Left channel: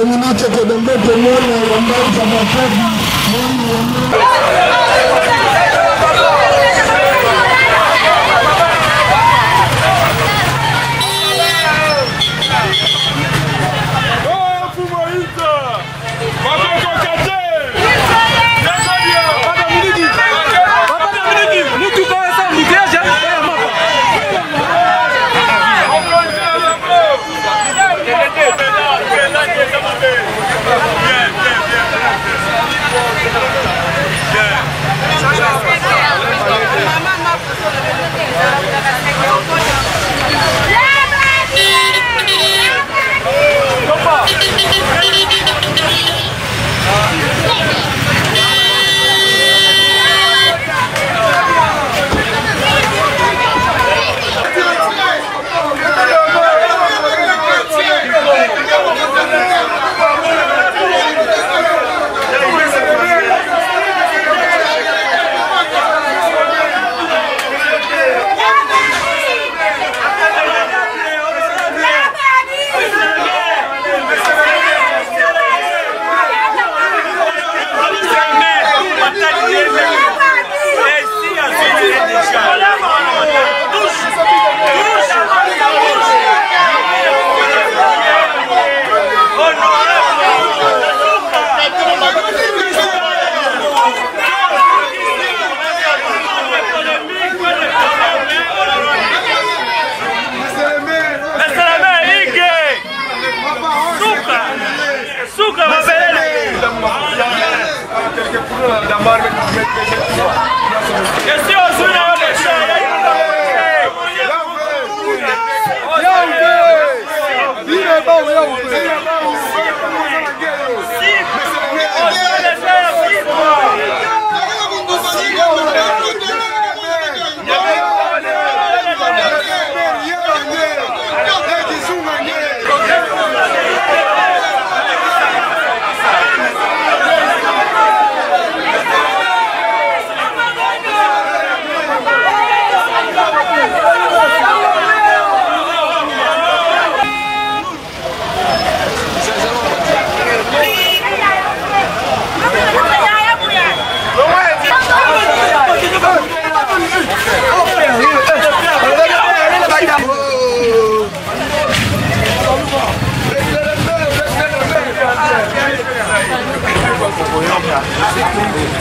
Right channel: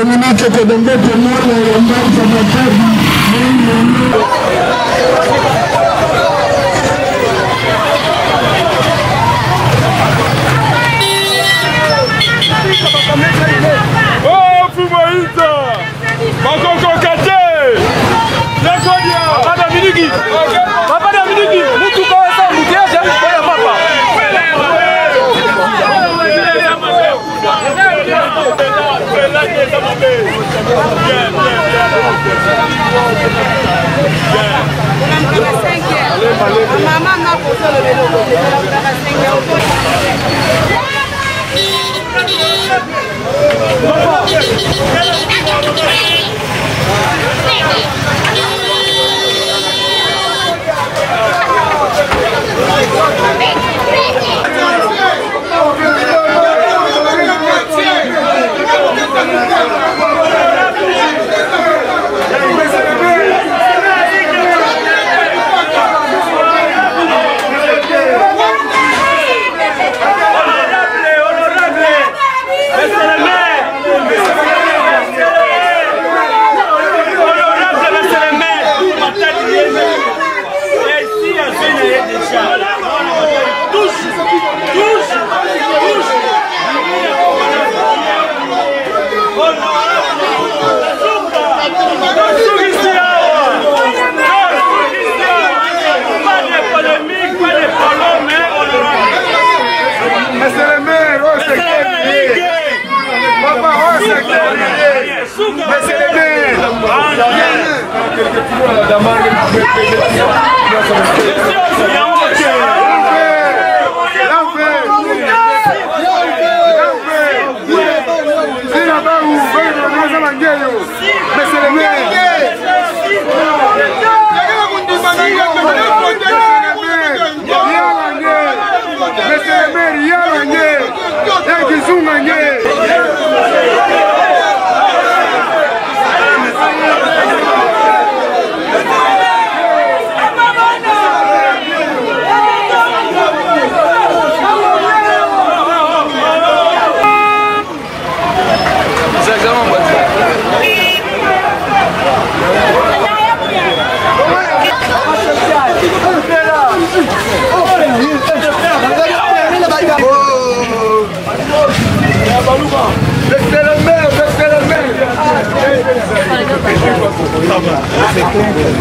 Dominique Kedembe Temone Yambanza Mapedi Maman m'a posé le vélo, je la voudrais à 5 euros.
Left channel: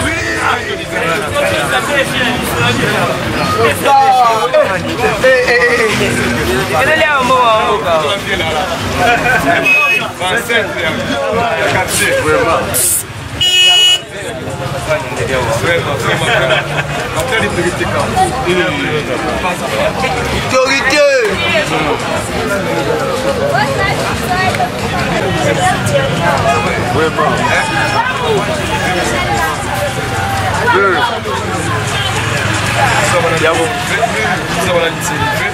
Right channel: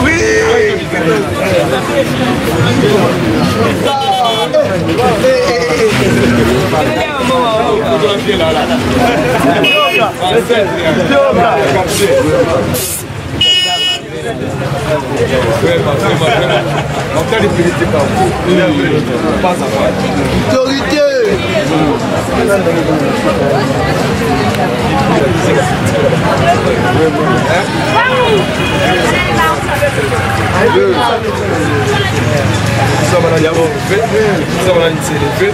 Oui. Vraiment. On t'a dit priorité quand même. Pas à voir. Priorité. Ça va l'animer, ça va l'animer, c'est fait.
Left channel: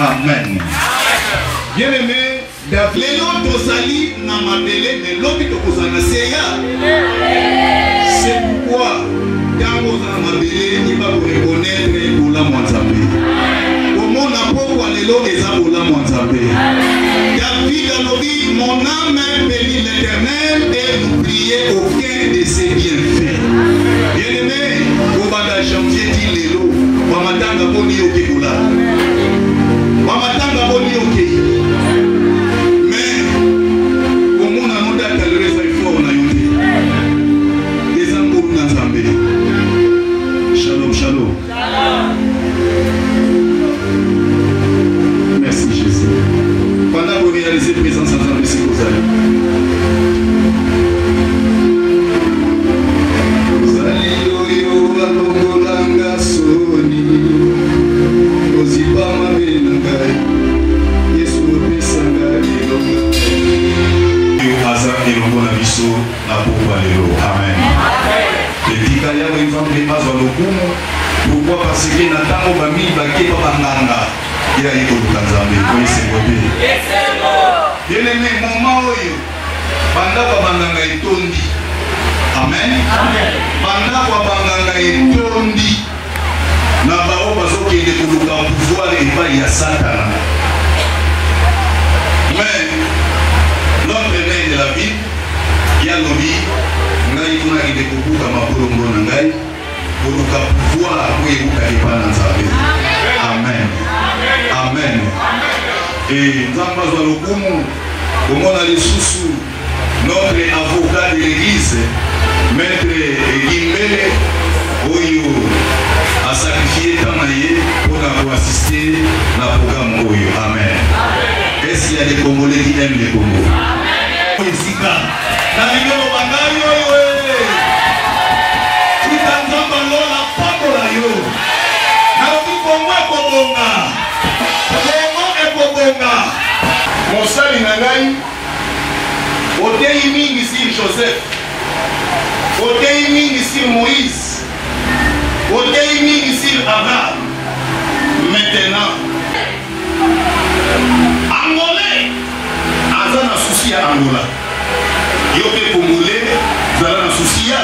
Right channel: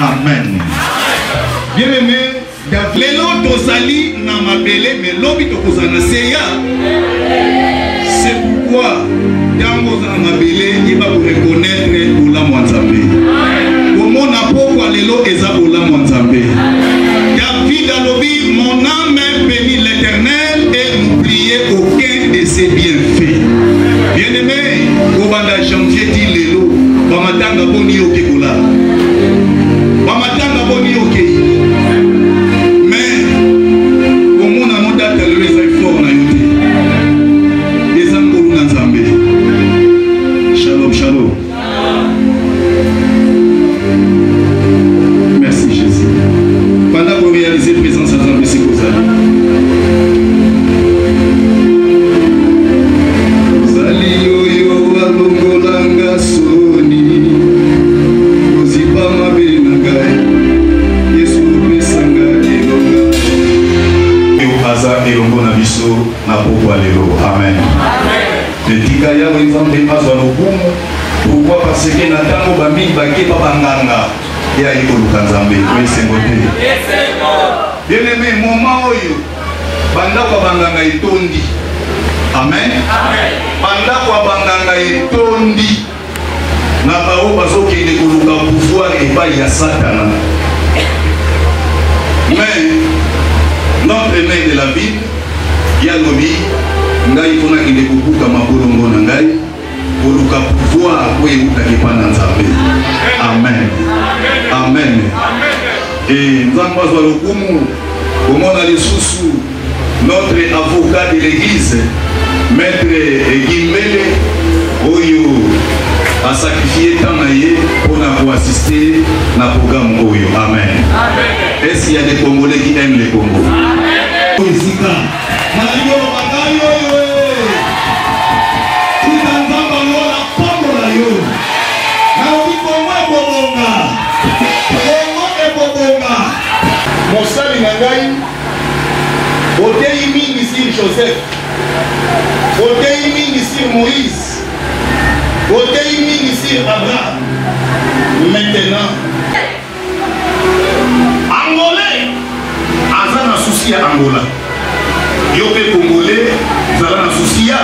Amen. Bien aimé, les lots d'Osali n'a ma belé, mais l'obit de Kozana Seya. nzambe mazwa lokumu. Pourquoi? Parce que natango bami bake babanganga ya likoluka nzambe. Oui, c'est modé. Bien aimé, moment oyo banda babanganga etondi. Amen. Banda babanganga etondi. Na bao bazokende koluka pouvoir epai ya Satana. Mais notre main de la Bible, Yalobi, ngai kuna kile kukuka mabolongo na ngai, koluka pouvoir kwa yuka kipana nzabe. Amen. Amen. Et nzamba zwa lokumu, omona lisusu notre avocat de l'église, maître Gimbele, oyo a sacrifié Tamaye pour nous assister à la programme Oyo. Amen. Est-ce qu'il y a des Congolais qui aiment les Congos? Mosali Nangai, Odei Mingi sur Joseph, Odei Mingi sur Moïse, Odei Mingi sur Abraham. Maintenant, Angolais, Azana souci à Angola. Yoke Congolais, Azana souci à.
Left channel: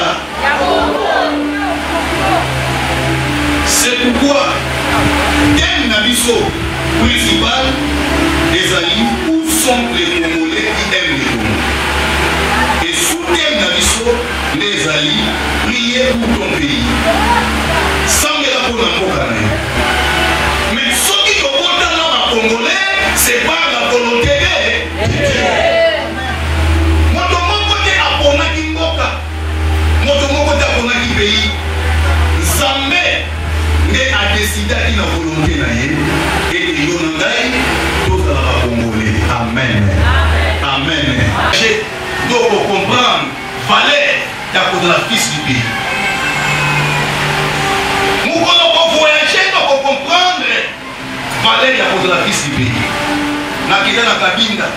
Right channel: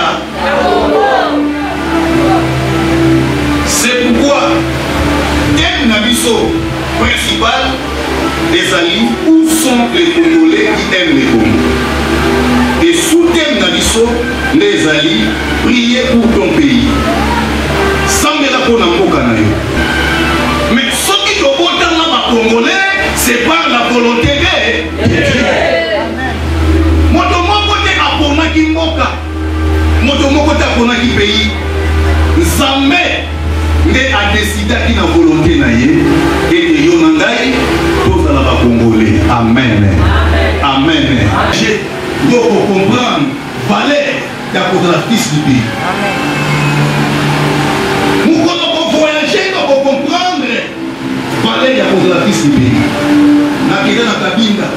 C'est pourquoi, thème Nabiso principal des alliés, où sont les Congolais qui aiment les Congos? Et sous thème Nabiso, les alliés, priez pour ton pays. Sans de la Ponamboka. Mais ce qui te porte dans la Congolais, c'est pas la volonté de Dieu. Motomoko te aponaki mboka, motomoko te aponaki pays. Zambé nde a décidé qu'il a volonté na ye et de yonangai tous la Congolais. Amen. Amen. J'ai donc pour comprendre valeur de la fils du pays. Nous pour voyager donc pour comprendre valeur de la fils du pays. Na kida na kabinda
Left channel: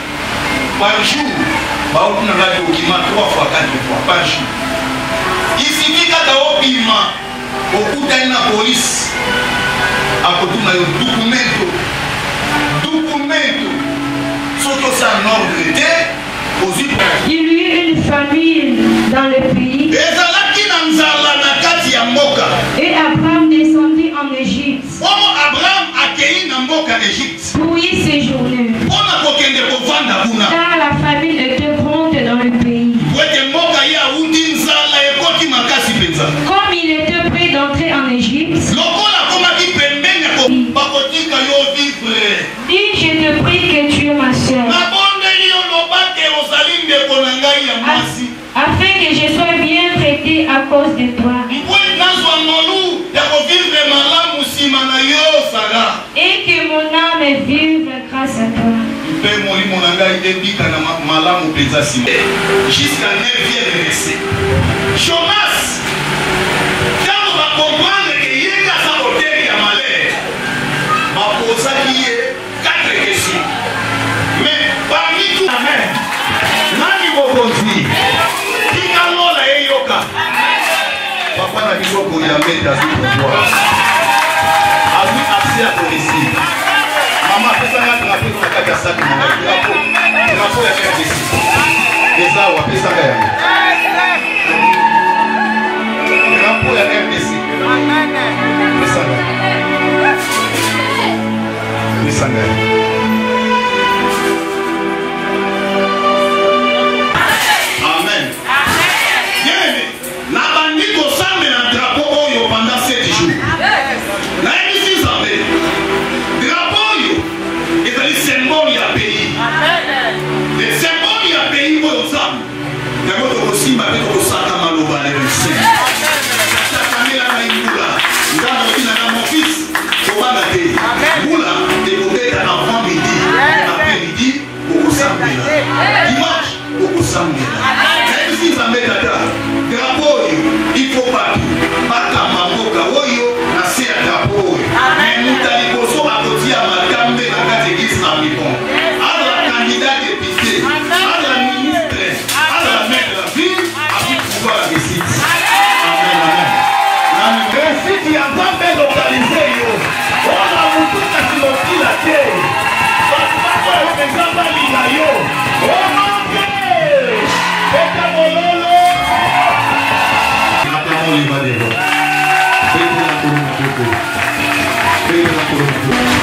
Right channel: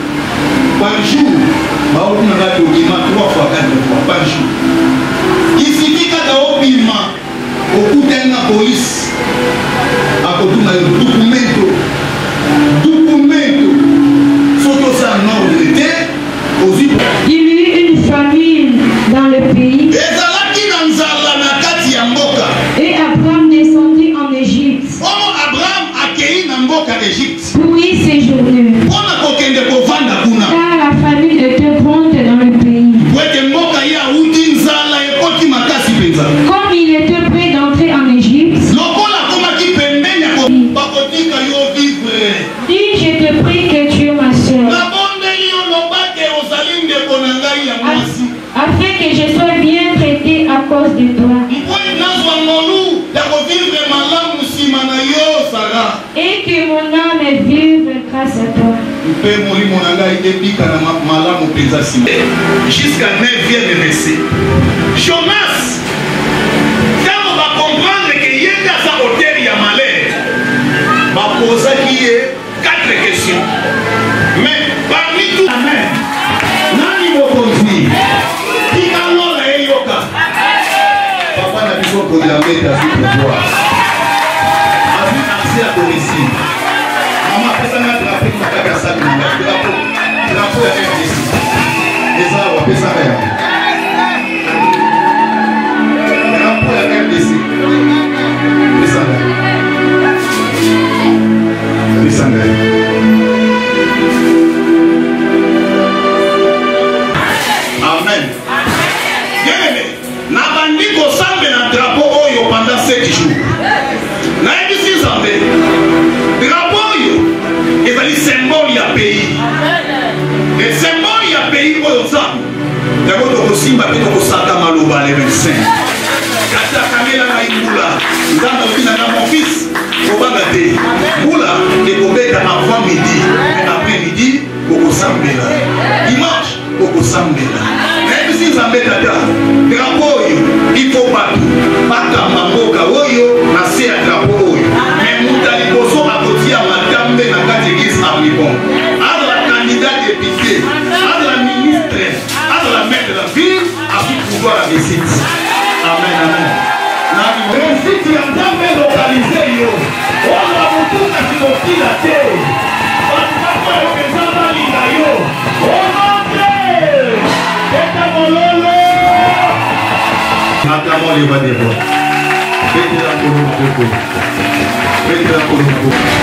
par jour, ba on a la document 3 fois 4 fois par jour. Ici vika da obima au coup de la police. A côté na documento surtout ça non de il y eut une famine dans le pays. Et Abraham descendit en Égypte. Pour y séjourner. Car la famine était grande dans le pays. Comme il était prêt d'entrer en Égypte, dis, je te prie que tu es ma soeur, afin que je sois bien traité à cause de toi, et que mon âme vive grâce à toi. Jusqu'à 9e verset. Jonas, quand on va comprendre qu'il y a sa hauteur, il y a malheur, va poser 4 questions. Mais parmi tout, amen. Nani mokonzi, pikalo la eyoka. Papa na biso ko yambeta pouvoir. Ami accès à domicile. Maman patana na pika kaka sac na drapeau. Drapeau ya RDC. Eza wa pesa ya. Drapeau ya RDC. Pesa. Pesa. Amen. Bien-aimé, na bandi ko sambe na drapeau oyo pendant 7 jours. Na ebisi sambe. Drapeau oyo ezali symbole ya pays. Le symbole ya pays oyo sambe. Yako to simba pe to saka maloba le médecin. Kata kamela na ingula. Ngamba obina na mon fils. Obanga te. Bula et obeka avant midi. Après midi, au sambe. Dimanche, au sambe. Il faut pas Makamboka Oyo, na se ya drapeau Oyo. Mais nous allons à madame de la catégorie Amibon. À la candidate député, à la ministre, à la maire de la ville, à pouvoir la visite. Amen, amen. Acclamons les voix des voix. Faites-la pour nous, beaucoup. Faites-la pour nous, beaucoup.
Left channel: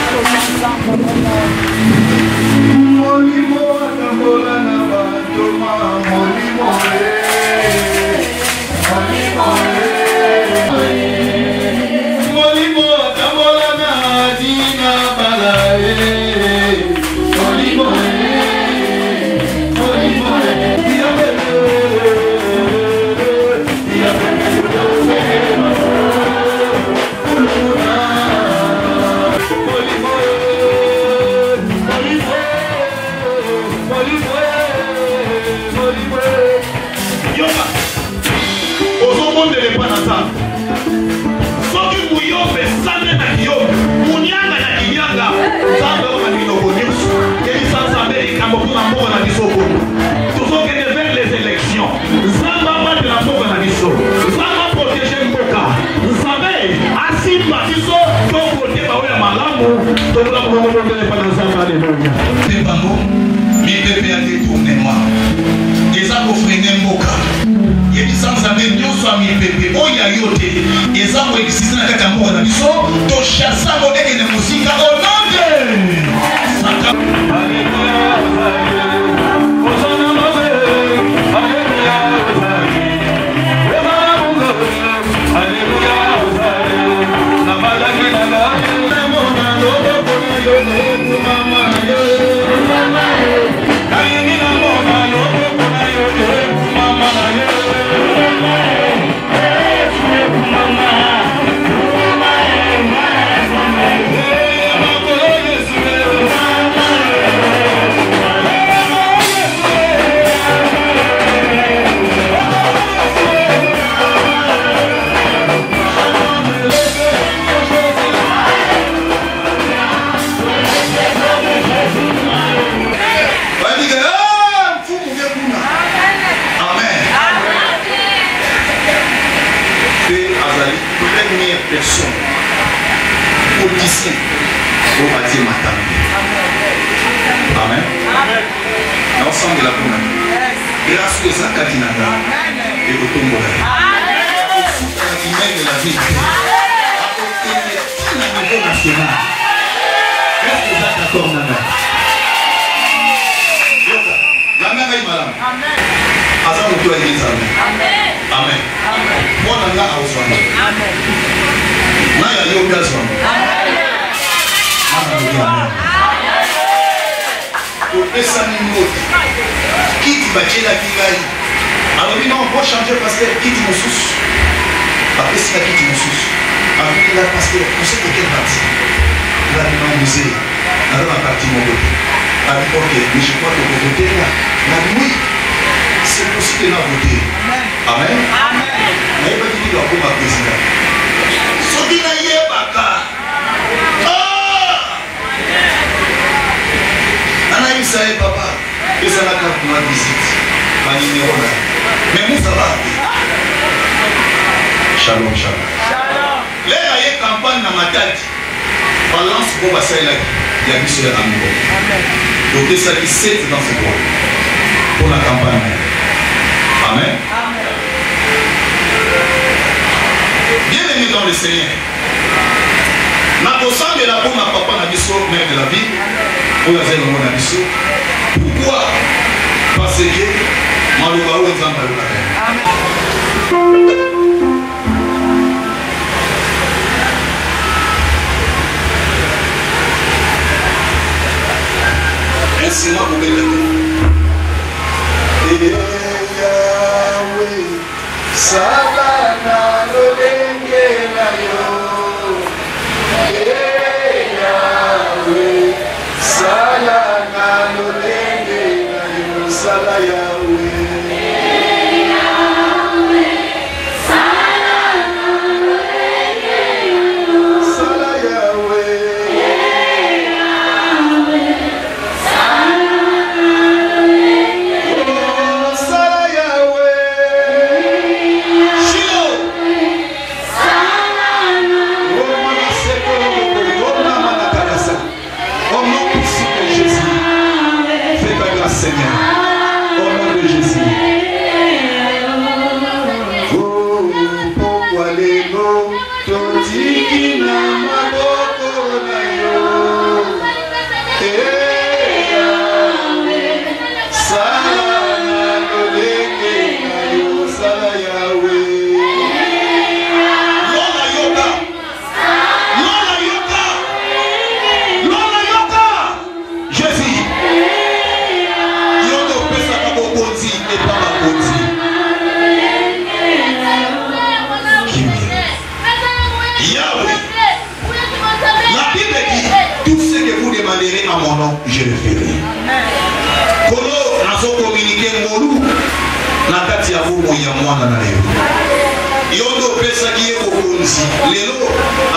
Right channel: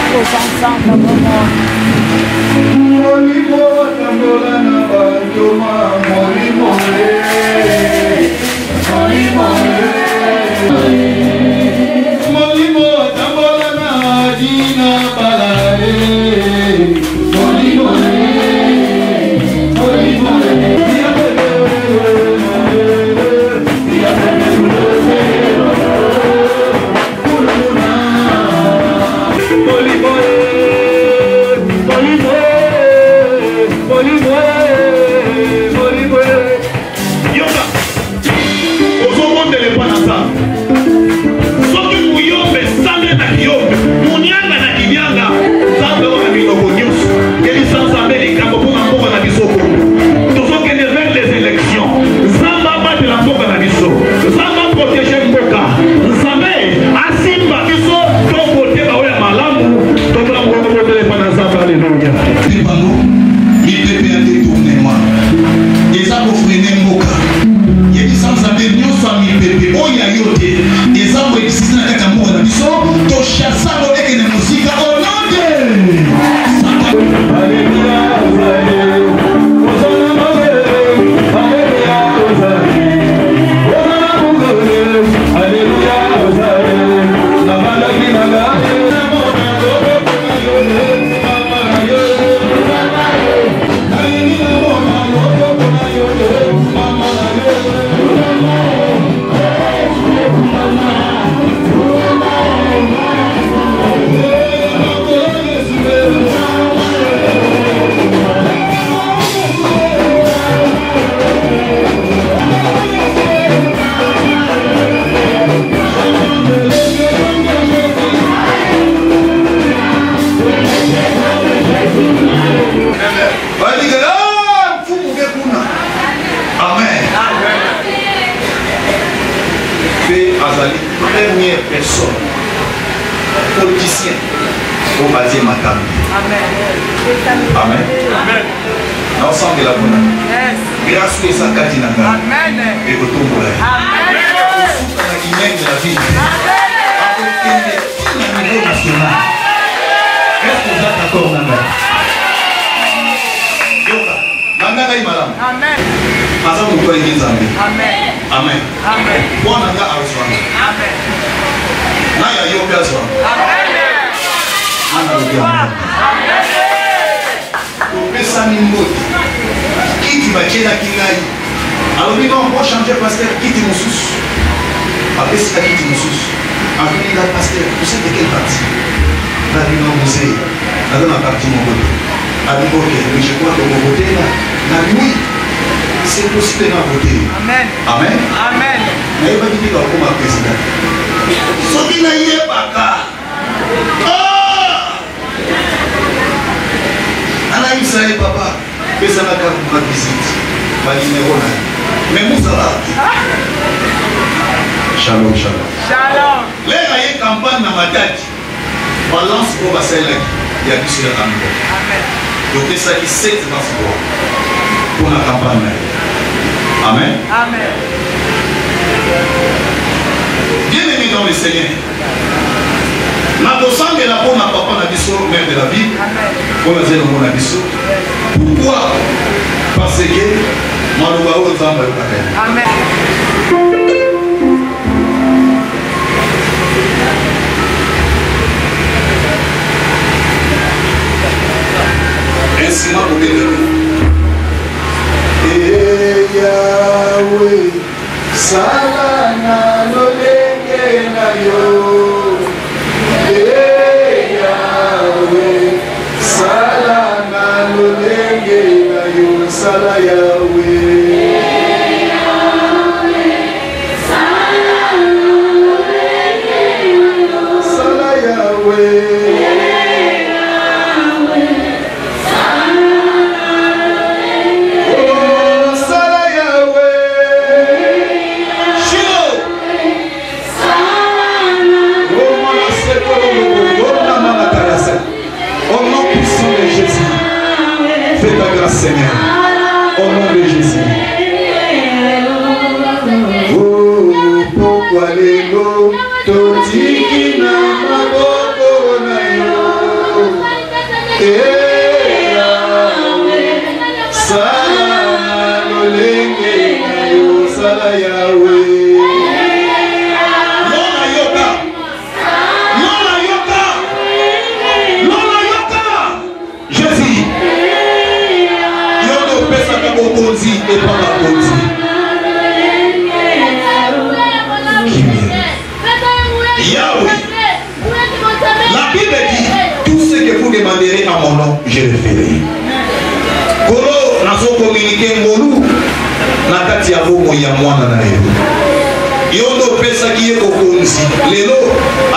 lelo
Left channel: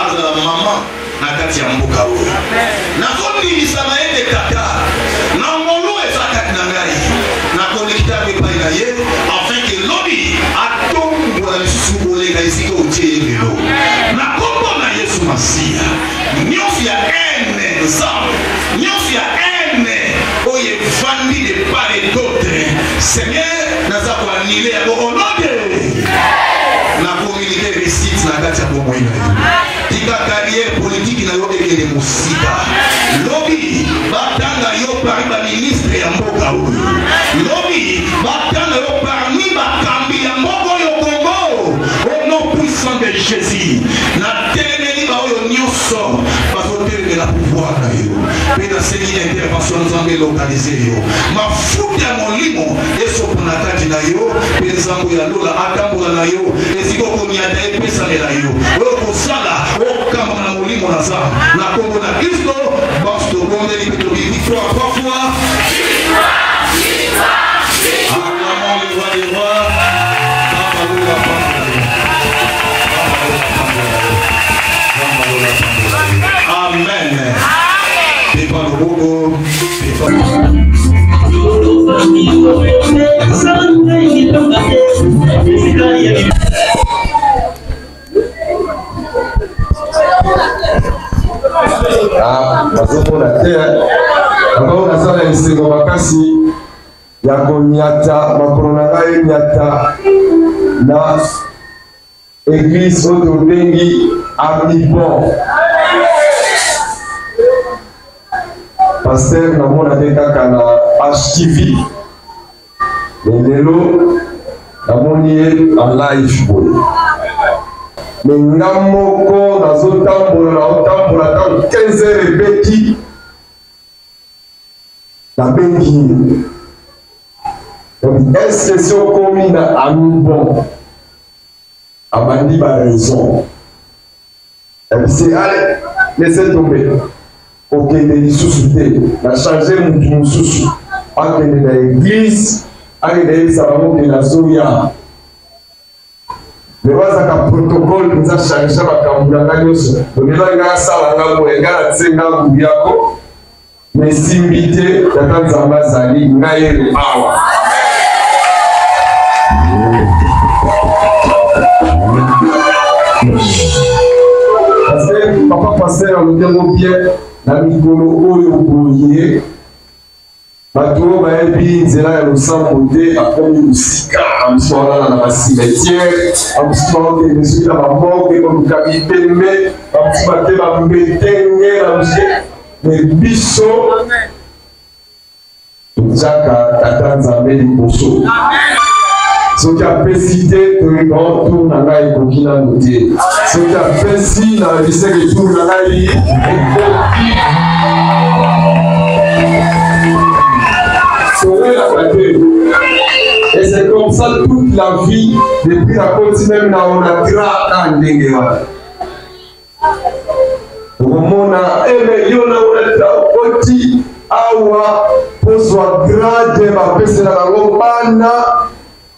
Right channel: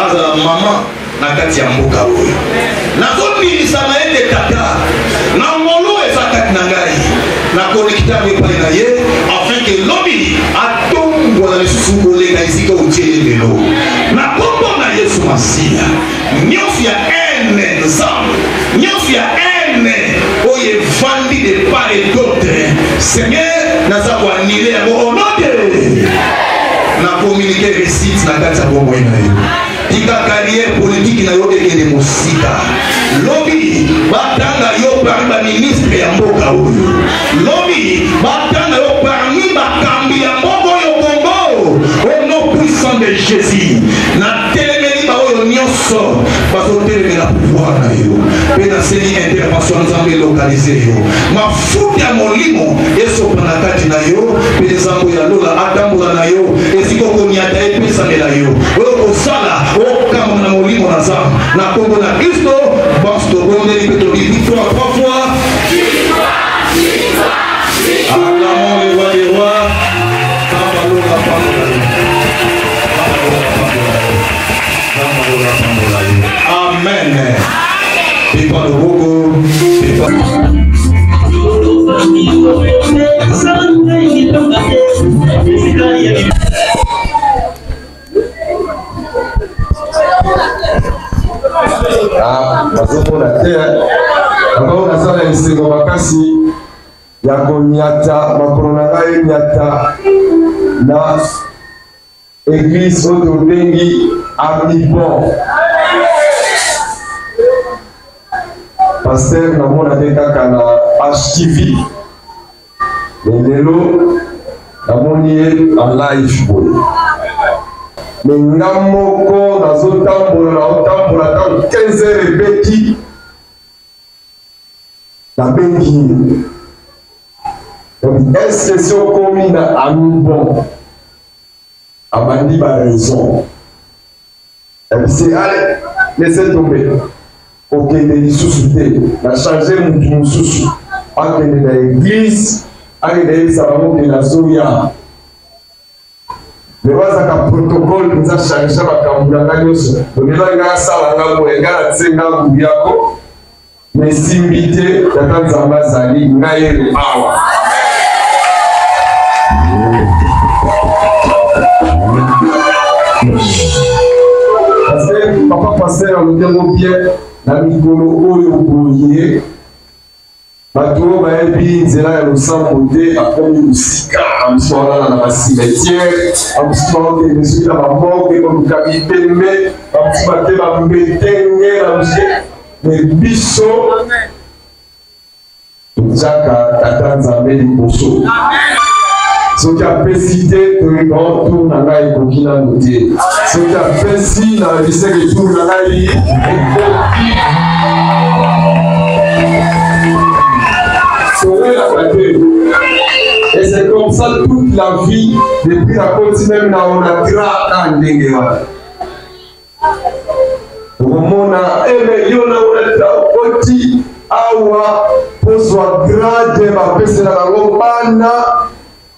azala mama na kati ya mboka oyo nakominisa na ye de tata na ngolo eza kati na ngai nakolekita epai na ye afin ke lobi atombola lisusu koleka esika otie ye lelo na kombo na yesu masiya nyonso ya ene nzambe nyonso ya ene oyo evandi de part et d'autre seigneur naza koanile yango onote na communiqué récite na kati ya bomoi na yo tika carrière politique na yo ekende mosika lobi batanga yo parmi baministre ya mboka oyo lobi batanga yo parmi bakambi ya mboka oyo kongo au nom puissant de Jésus na telemeli baoyo nyonso bazotelemela pouvoir na yo mpe naseli intervention nzambe lokalize yo mafuta ya molimo esopa na kati na yo mpe nzambo ya lola atambola na yo esika okoniata epesanela yo oyo kosala okamona na molimo na nzambe na kombo na kristo banso tobondeli mpe tobiki fois trois fois bazomona te ambao nazala esengo makasi ya konyata makolo na ngai nyata na église oyo tobengi amibon paster namona te kaka na HTV lelo namoni ye en live boye me nga moko nazotambola ntango 15 heures ebeti nabengi donc est-ce que si okomi na amibon abandi baraison ebisi ale laisse tomber okende lisusu te na change mutu mosusu akende na église akende yebisa bango ke nazoya me wazaka protocole nza change makambo na ngai nyonso lelo nga asala nga boye nga natie nga ngubu yako me simbi te tata nzambe azali ngai elo awa parce que papa pasteur alobi bien na mikolo oyo boye bato oyo bayebi nzela ya losambo te akomi mosika amosusu baolala na basimetiere amosusu baokende soki na bamoke koluka bitembe bamosusu bate bambetenge na mosusu me biso tozaka tata nzambe liboso soki apesi te toyebaho tour na ngai ekoki nano te soki apesi na biseke tour na ngai ekoki et c'est comme ça toute la vie depuis la côte même na onatra na ndenge wana okomona eme yo na onatra okoti awa pozwa grade bapesela bango bana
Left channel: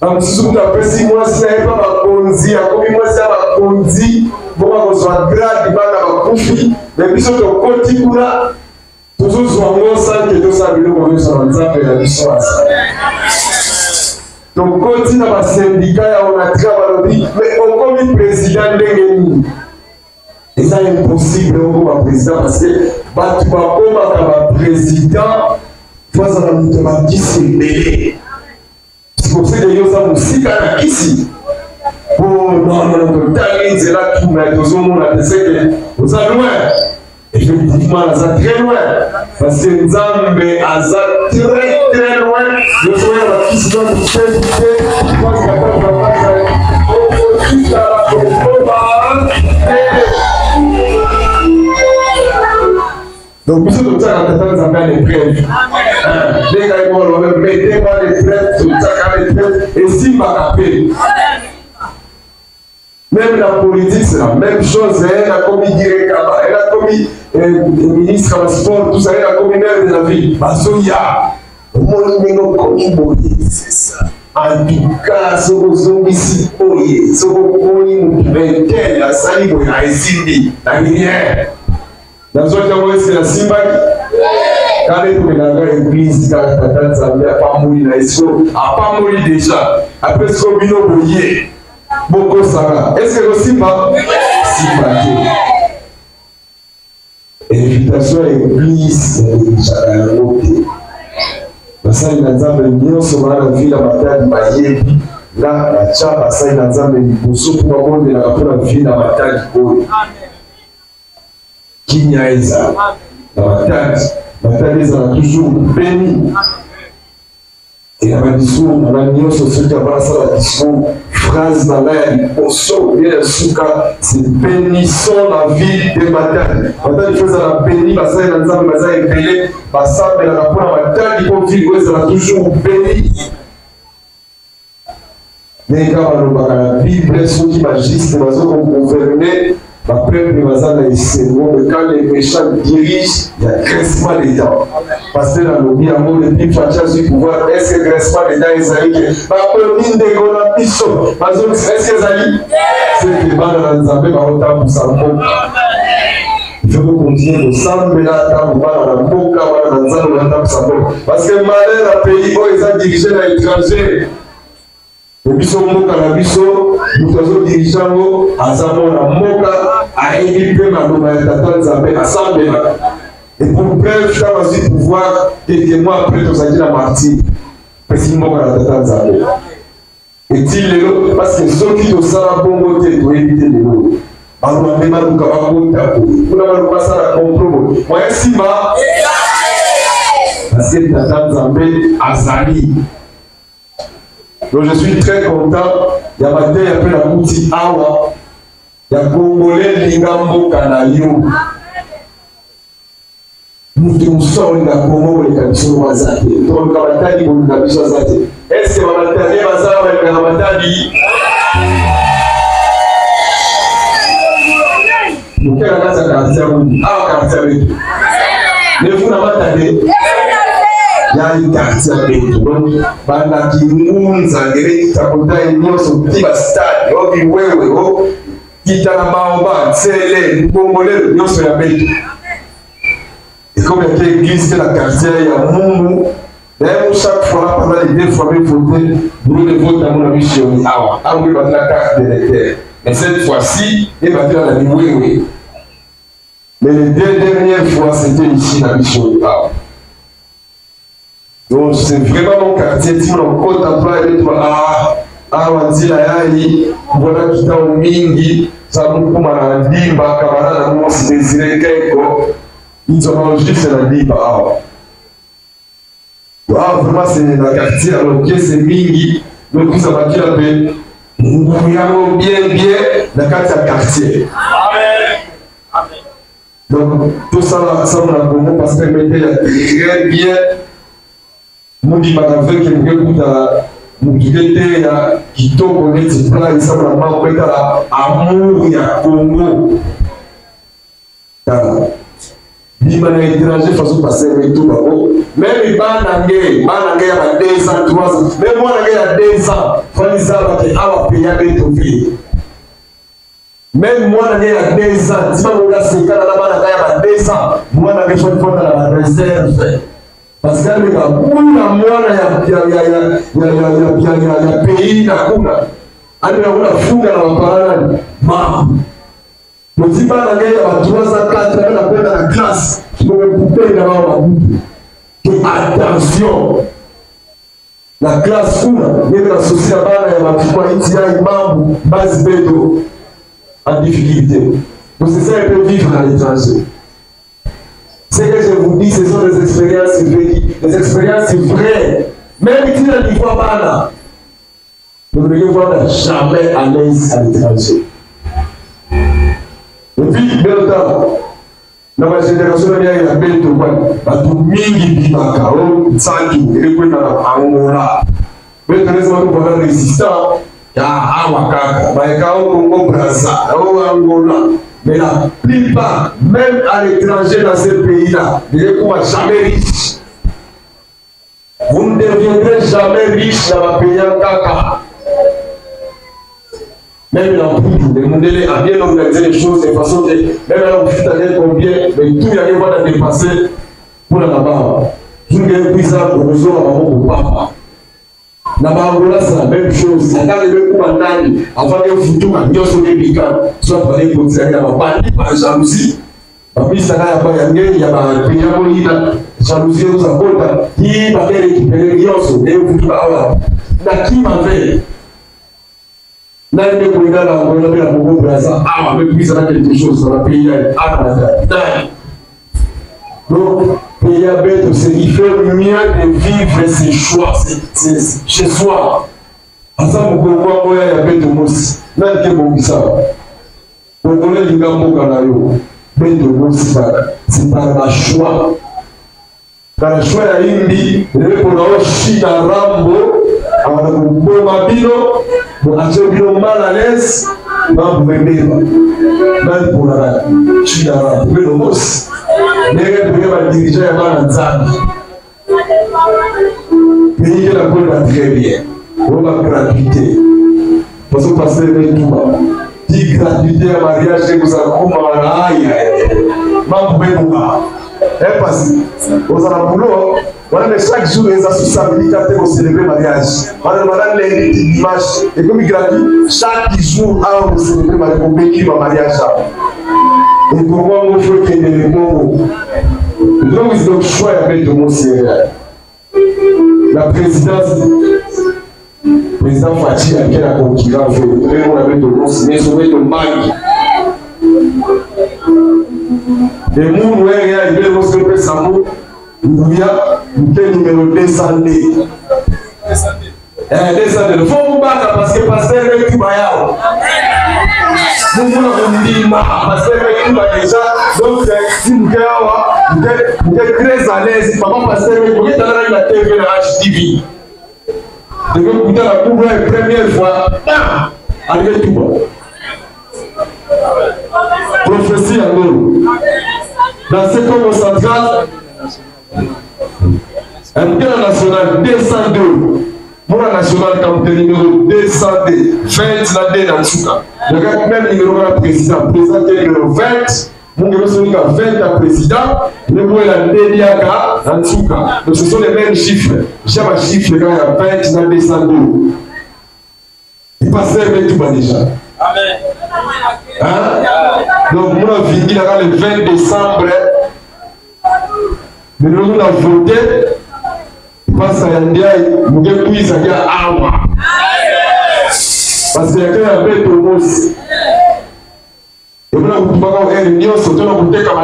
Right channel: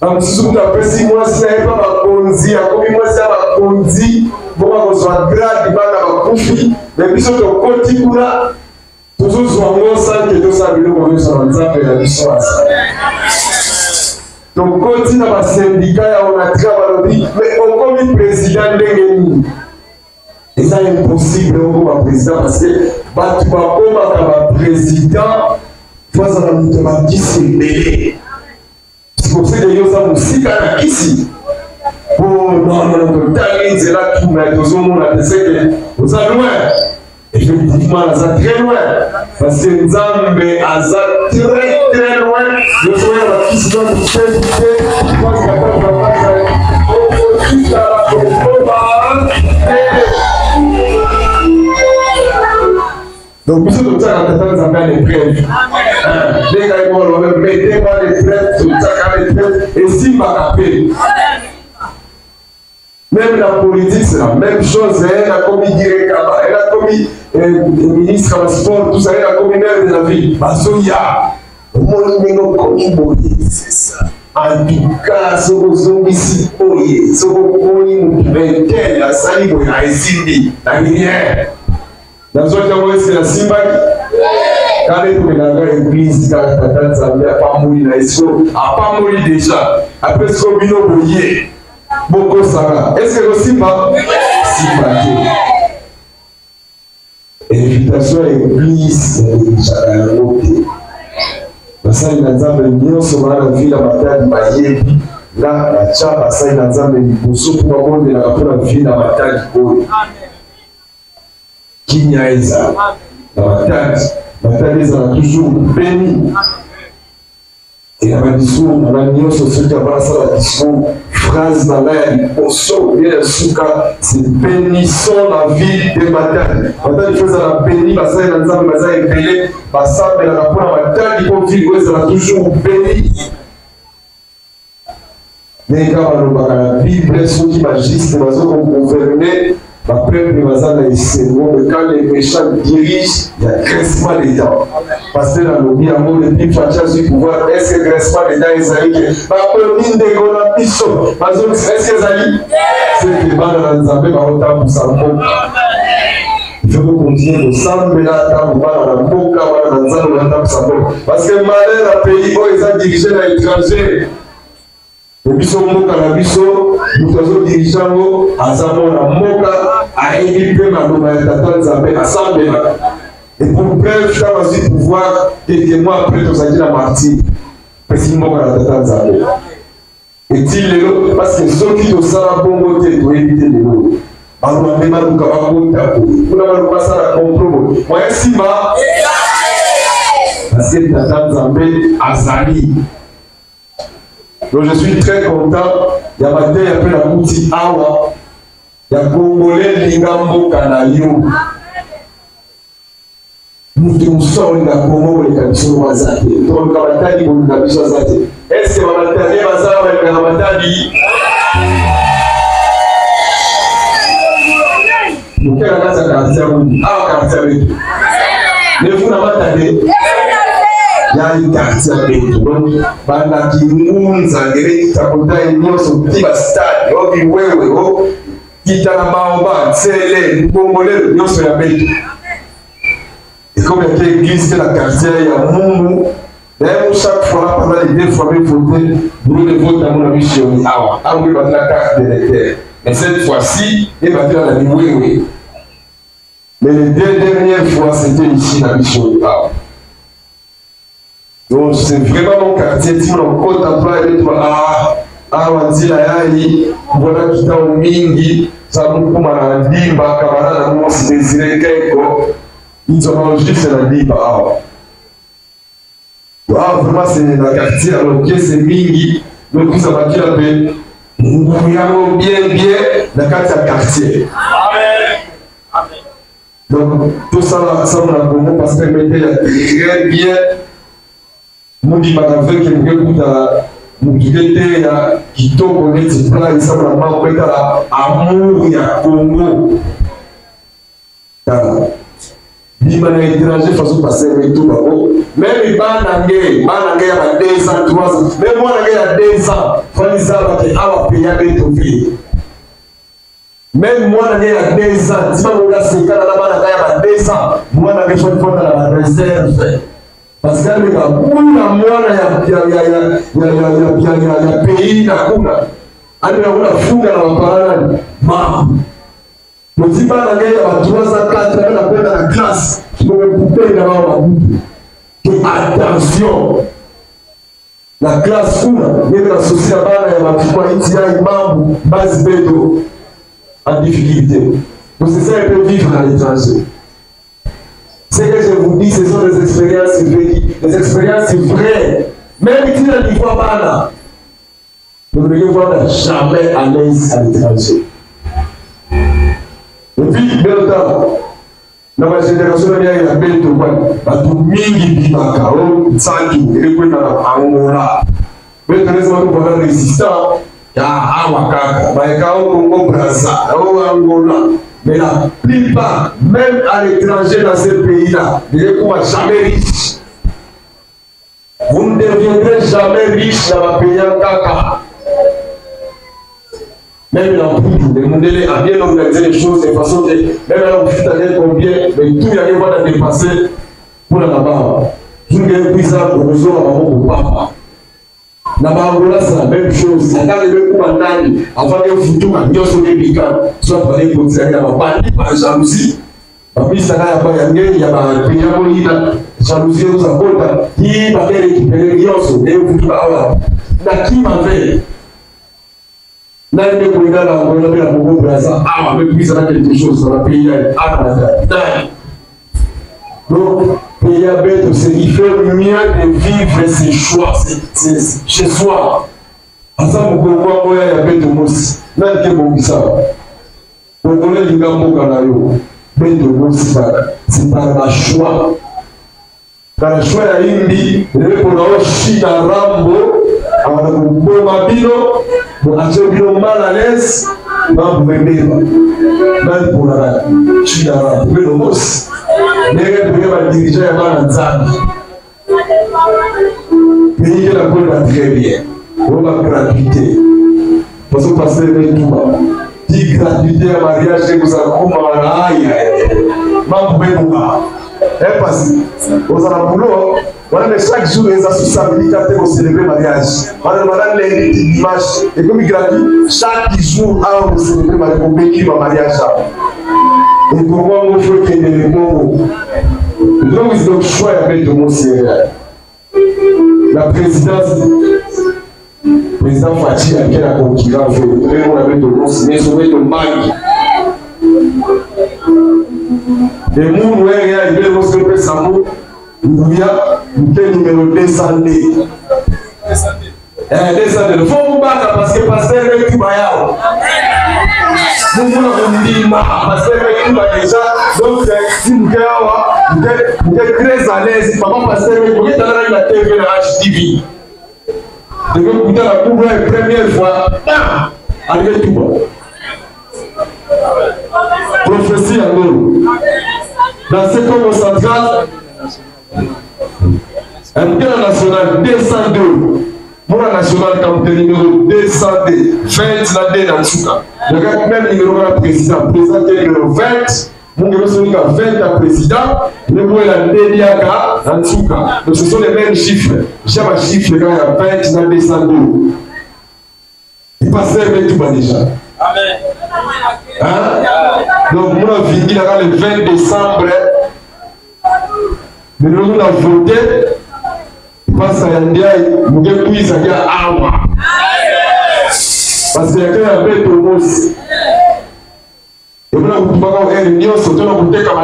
bamosusu kutu apesi mwasi na ye mpa bakonzi akomi mwasi ya bakonzi mpo bakozwa grade bana bakufi me biso tokoti kuna tozozwa ngo sanke tosala biloko nyonso na nzambe na biso asala tokoti na basindika ya onatra balobi me okomi président ndenge nini eza impossible okoma président parce que bato bakomaka baprésident po azala moto bakisi ebele sikosede yo oza mosika na kisi po nonono totali nzela tuna tozomona teseke oza loin effectivement aza très loin parce que nzambe aza très loin yozoya bakisi na motete donc biso totaka tata nzambe ya l'épreuve ndenge ayebolo metema l'épreuve totaka l'épreuve esimbaka mpe même la politique c'est la même chose elle a commis directeur elle a commis ministre du sport tout ça elle a commis maire de la ville bazoya omoni ndenge okomi boye c'est ça en tout cas soko ozongisi oye soko omoni motu 21 asa sali boye na esindi na minière nazokia moyese na simbaki kale tomenanga église kaka tata nzambe apamoli na esko apamoli déjà après siko bino boye bokosaka est-ce que kosimba simba te invitation ya église ezalaka yango te basali na nzambe nyonso baa na vile ya matadi bayebi nga batya basali na nzambe liboso mpo babondelaka mpona vile ya matadi oyo kinya ezala na matadi ezala toujours béni na badiscours na banyonso soki abanasala badiscours phrase na ngai ya liboso ye ya suka c'est bénissons la ville de matadi matadi fo ezala béni basali na nzambe baza ebele basambelaka mpona matadi mpo ville oyo ezala toujours béni ndenge kaka balobaka na bible soki bagiste bazokogouverne bapeuple baza na esengo mais quand les méchants dirigent il y a graissement des dents parce que nalobi yango depuis fatia zwi pouvoir est-ce que graissement des dents ezali ke baponi ndeko na biso bazokisa est-ce que ezali seke bana na nzambe bakotambusa mboka il faut continuer kosambela ntango bana na mboka bana na nzambe bakotambusa mboka parce que malheur na pays oyo eza dirige na étranger biso mboka na biso moto azodirige yango aza mwana mboka ayebi mpe maloba ya tata nzambe asambelaka et pour bref ntango azwi pouvoir quelques mois après tozalaki na martyr pesi mboka na tata nzambe eti lelo parce que soki tosala bongo te toyebi te lelo baloba mpe baluka bakota boye kuna baluka basala compromo moya nsima parce que tata nzambe azali. Donc je suis très content. Il y a matin après la boutique awa. Il y a Congolais lingambo kanayo. Nous sommes dans Congo les conditions wazate. Donc kamatadi pour la biso wazate. Est-ce que mamatadi bazaba les kamatadi? Nous quelle la casa quartier oui. Ah quartier oui. Ne vous n'amatadi. Yali quartier betu donc bana kimunza ngere kitakotai nyonso tiba stade obi wewe o kitana baoba tsele ngongolelo nyonso ya betu et comme il y a l'église de la quartier ya mungu d'ailleurs chaque fois pendant les deux fois mais voter pour le vote à mon mission awa awi ba la carte d'électeur mais cette fois-ci il va dire la wewe mais les deux dernières fois c'était ici la mission awa. Donc c'est vraiment mon quartier, si on contemple et on dit là, voilà qui t'a au mingi, ça nous comme à la limba, camarade, nous on désiré quelque, ils ont juste la limba. Vraiment c'est la quartier, alors que c'est mingi, donc ça va dire que nous voyons bien la quartier. Donc tout ça, ça on a compris parce que mettait très bien. Mundi manaveke mukekuta mukilete ya kitoko neti pla isabu na mao kweta la amour ya Congo kala bima na étranger façon passer avec tout bako même banange ya ba 2 ans 3 ans même moi na ya 2 ans faliza ba ke awa peya beto fi même moi na ya 2 ans tima ngola sekala na bana ya ba 2 ans moi na kesho fonda la réserve. Parce que les gars, kuna mwana ya pays na kuna ani na kuna funga na maparana mama motiba na ngaya wa 304 na kwenda na classe tumekupe na mama mabutu que attention la classe kuna ndio na sosia bana ya mafua iti ya mambo base beto en difficulté. Donc c'est ça un peu vivre à l'étranger. Ce que je vous dis, ce sont des expériences vécues, des expériences vraies. Même si tu ne vois pas là, vous ne devez jamais à l'aise à l'étranger. Depuis bien longtemps, dans ma génération, il y a une belle toile. Tout mingi bimaka, sanki, et puis Angola. Mais très souvent, nous avons résistant. Il y a Awakaka, Maïkao, Congo, Brazza, Angola. Mais la plupart, même à l'étranger dans ces pays-là, ne seront jamais riches. Vous ne deviendrez jamais riche dans la pays en caca. Même la poudre, le Mundele a bien organisé les choses de façon que, même là où je suis combien, mais tout y a pas de dépasser pour la barre. Tout le monde est bizarre pour nous au papa. La barre, c'est la même chose. La garde de Koumandani, avant que vous tout à Nyoso de Bika, soit pour les conseils à la bande, par jalousie. Puis ça n'a pas gagné, il y a un pays à Molina, jalousie aux apôtres, qui va récupérer Nyoso, et vous tout à l'heure. La qui m'avait. Là, il est pour la Bobo Braza. Ah, mais puis ça a quelque chose dans le pays. Donc, pays à bête, c'est qu'il fait mieux de vivre ses choix chez soi. À ça, vous pouvez voir, il y a bête aussi. Là, il y a bon qui ça. Vous connaissez les gars, bête aussi, c'est par la choix. Par le choix, il y a une vie, il est pour la Chine à Rambo. Alors, vous pouvez m'habiller. Pour acheter mal à l'aise, vous venez même pour la Chine, vous pouvez le boss. Les gens peuvent diriger avant la Zambie. Pays qui la connaît très bien. On va gratuité. Parce que passer avec tout. Si gratuité à mariage, vous avez parce que vous avez un boulot. Voilà, chaque jour, les associations pour célébrer le mariage. Voilà, les dimanches, et comme gratuit, chaque jour, on célébrer le mariage. Et pour moi, il faut qu'il y ait des mots. Donc, ils ont choisi avec le mot sérieux. La présidence, le président Fatih a quel concurrent fait le avec le mot sérieux, sauver le mag. Les mots, nous, il y a le mot sérieux, ça mot. Il y a le numéro 200D. 200D. Il faut vous battre parce que pasteur est tout baillard. Vous voulez dire parce que tout va déjà. Donc, si vous êtes très à l'aise, papa pasteur, vous êtes dans la TV, la HTV. Vous avez écouté la cour la première fois. Arrivez tout bas. Prophétie à nous. Dans ce camp central, un plan national 202, pour la nationale comme numéro 202, 20 la D dans Souka. Le gars même numéro de président, président numéro 20, mon numéro 20 à président, le numéro la D dans Souka. Donc ce sont les mêmes chiffres. Chaque chiffre, le gars il y a 20 dans 202. Il passe avec tout bas déjà. Amen. Hein? Donc moi, je vais le 20 décembre. Mais nous avons voté, parce qu'il y a des gens qui ont dit Awa. Parce qu'il y a un peu de promos. Et vous avez dit que l'Union surtout dans le comme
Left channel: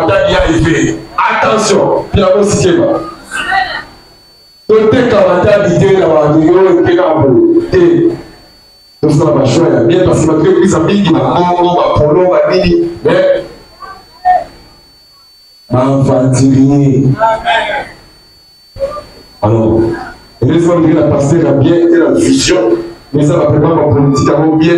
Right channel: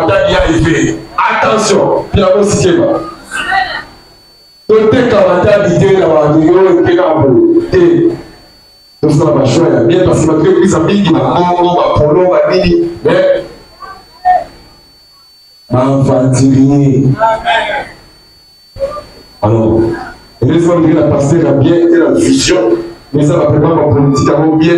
attention, puis la musique est là. Donc, dès que l'idée là, il y a un donc, ça va choisir bien parce que votre église a mis du Congo, Polo, Badini, mais. Infantilier. Alors, laissez-moi dire la pasteur a bien été la vision, mais ça va préparer ma politique à bien.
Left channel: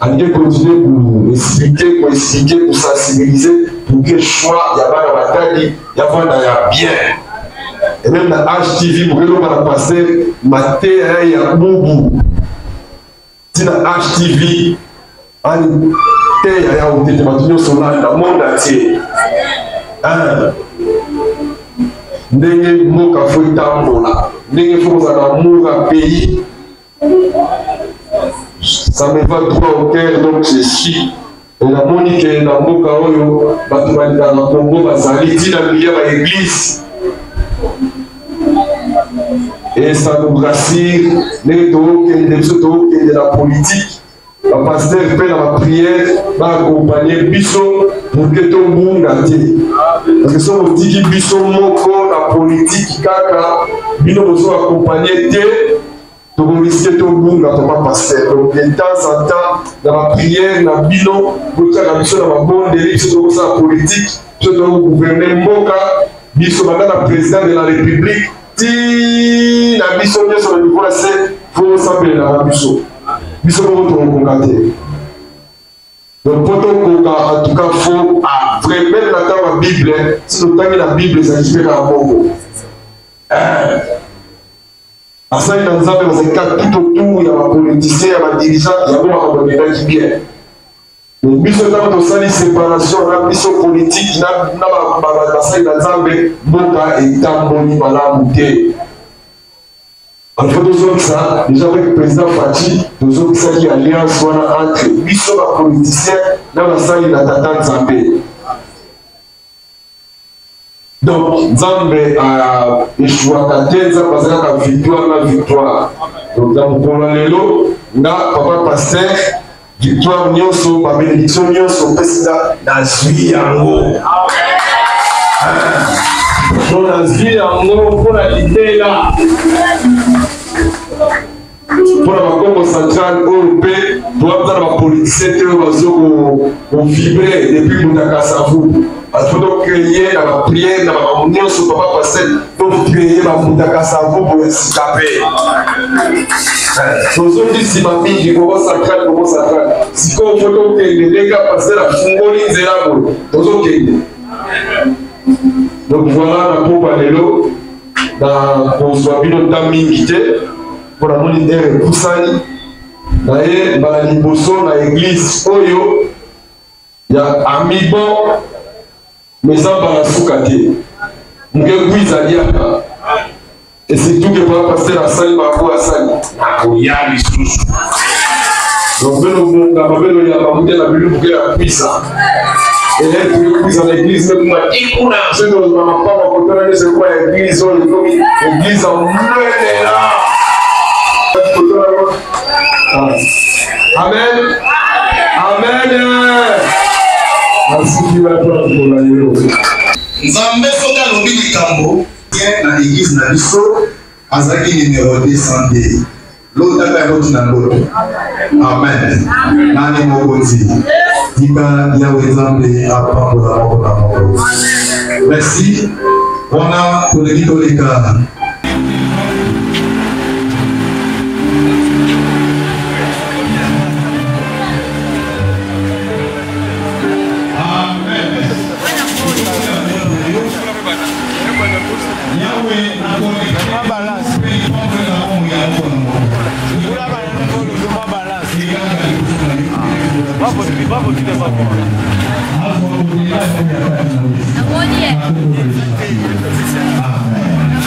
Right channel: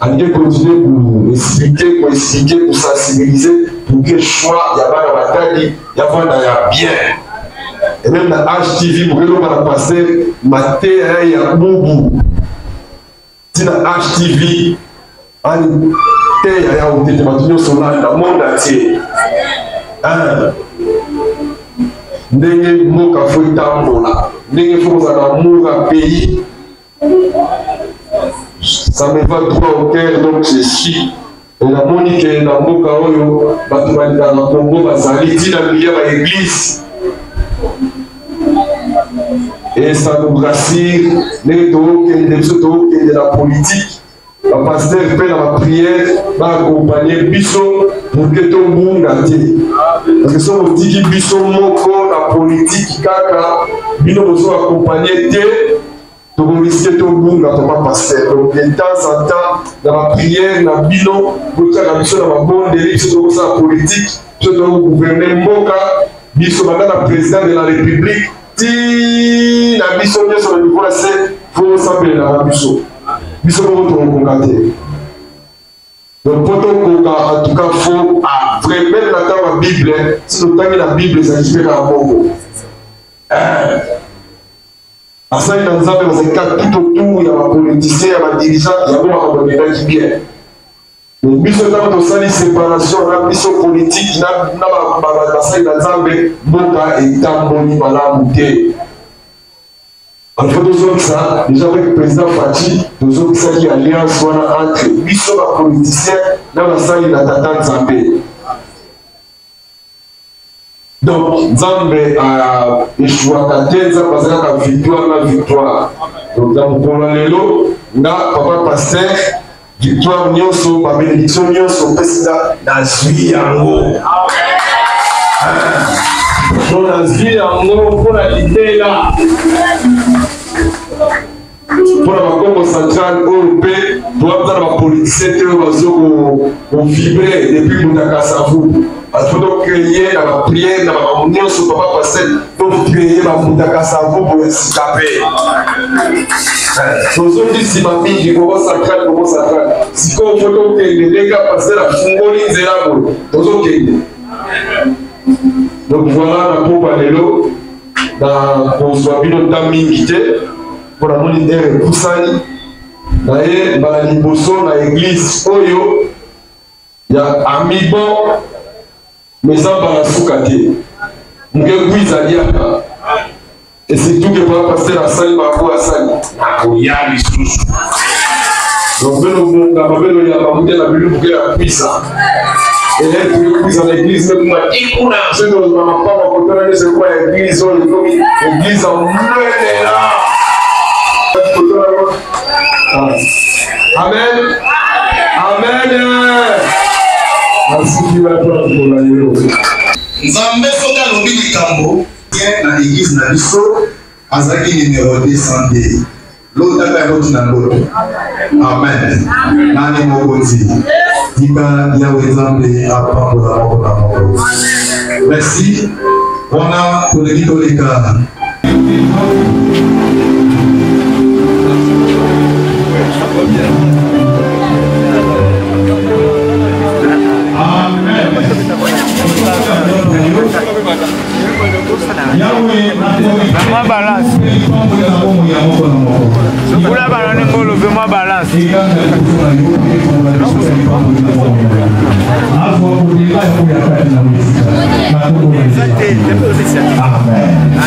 À bien continuer pour expliquer, pour sensibiliser, pour que le choix, il y a pas de bataille, il y a pas de bien. Et même dans HTV, pour que l'on va la passer, maté, il y a boubou. Si dans HTV, il y a un téléphone sur le monde entier. Ndenge moka fo tambola ndenge fo za moura pays ça me va droit au cœur donc je suis et la monique na moka oyo batu balika na Congo bazali tina milieu ba église et ça nous rassure ndenge de la politique. Le pasteur fait dans la prière, va accompagner Bisso pour que tout le monde a dit. Parce que si on dit que Bisso moko, la politique, kaka, Bino nous a accompagné, tout le risque tout le monde a pas pasteur. Donc de temps en temps, dans la prière, dans Bino, pour que la mission dans la bonne dérive, c'est tout ça politique, c'est le gouvernement Moka, Bisso maintenant la président de la République, si la mission est sur le niveau là, c'est faut s'appeler la Bisso. Biso ko congaté. Donc pour en tout cas faut vraiment la Bible, si nous avons la Bible ça explique à Congo. asali na nzambe bazalika tout autour ya bapoliticien ya badirigant yango bakabonelaki bien biso ntango tosali séparation na biso politique na basali na nzambe mboka etamboli malamu te alfa tozokisa déjà avec président Faci tozokisaki alliance wana entre biso bapoliticien na basali na tata nzambe. Donc nzambe échouaka te nzambe azalaka victoire na victoire. Donc na mokolo lelo nga papa pasteur victoire nyonso babénédiction nyonso opesida nazwi yango nazwi yango mpona libela mpona bakongo central oyo mpe toyabza na bapoliticien te oyo bazokovibre depuis mundakasavu bato tocreye na bapriere na bamamu nyonso papa pasteur tocreye bamundakasavu po esika mpe tozondisima mingi kongo central sikoyo fo tokende ndenge pasteur afungoli nzela boye tozokende. Donc voilà na popa lelo na kozwa bino nta mingi te mpona moni ere epusani na ye mbala liboso na église oyo ya amibo meza mbala suka te moke kwiza liaka et surtout ke papa pasteur asali bango asali nakoya lisusu donc beno bongama beno yamba mute na bino moke ya kwisa et puis dans l'église même moi ikuna c'est dans ma papa quand on est sur quoi l'église on est comme l'église en là amen amen merci Dieu pour la yelo nzambe soka lobi likambo na l'église na biso azaki numéro 200 l'autre est na ngoto amen nani mokonzi tika yawe nzambe apambola moko na moko. Merci wana toleki toleka Amen.